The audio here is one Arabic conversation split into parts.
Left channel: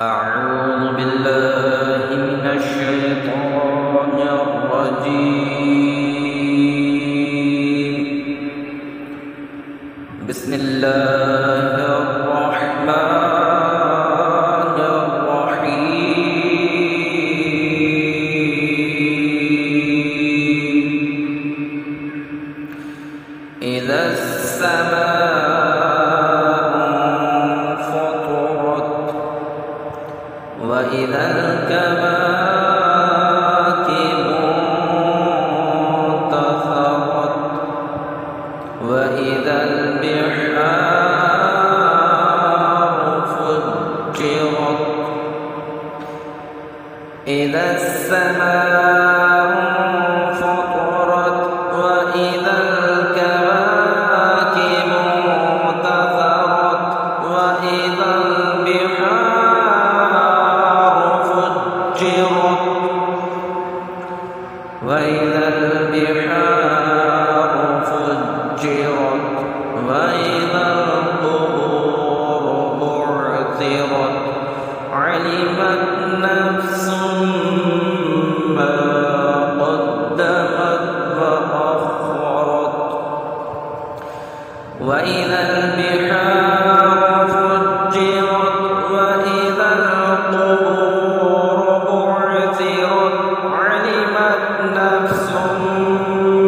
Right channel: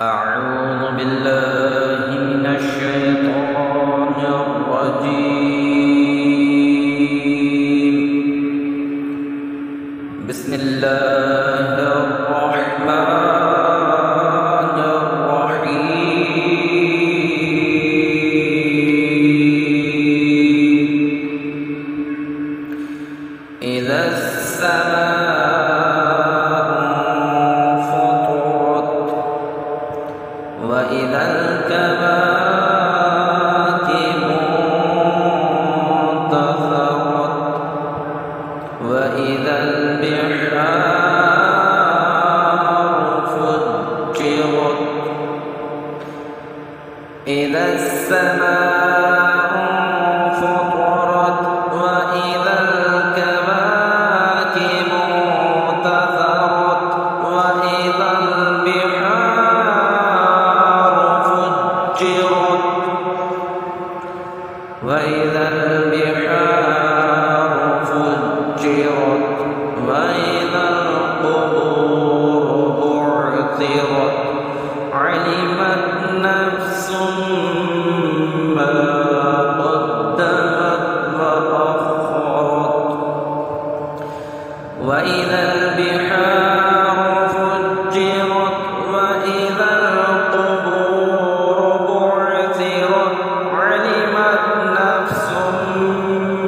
أعوذ بالله من الشيطان الرجيم. بسم الله الرحمن الرحيم. إذا السماء انفطرت وإذا الكواكب انتثرت وإذا البحار فجرت. إذا السماء انفطرت وإذا الكواكب انتثرت وإذا البحار فجرت وإذا البحار فجرت وإذا القبور بعثرت. علمت نفس ما قدمت وأخرت. وإذا البحار فجرت وإذا القبور بعثرت. علمت نفس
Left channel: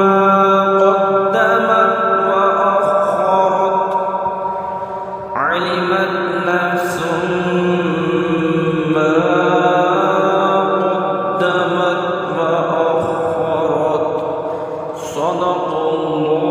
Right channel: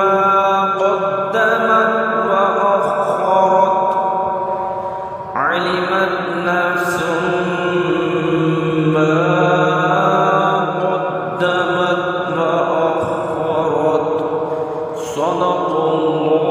ما قدمت وأخرت. علمت نفس ما قدمت وأخرت. صدق الله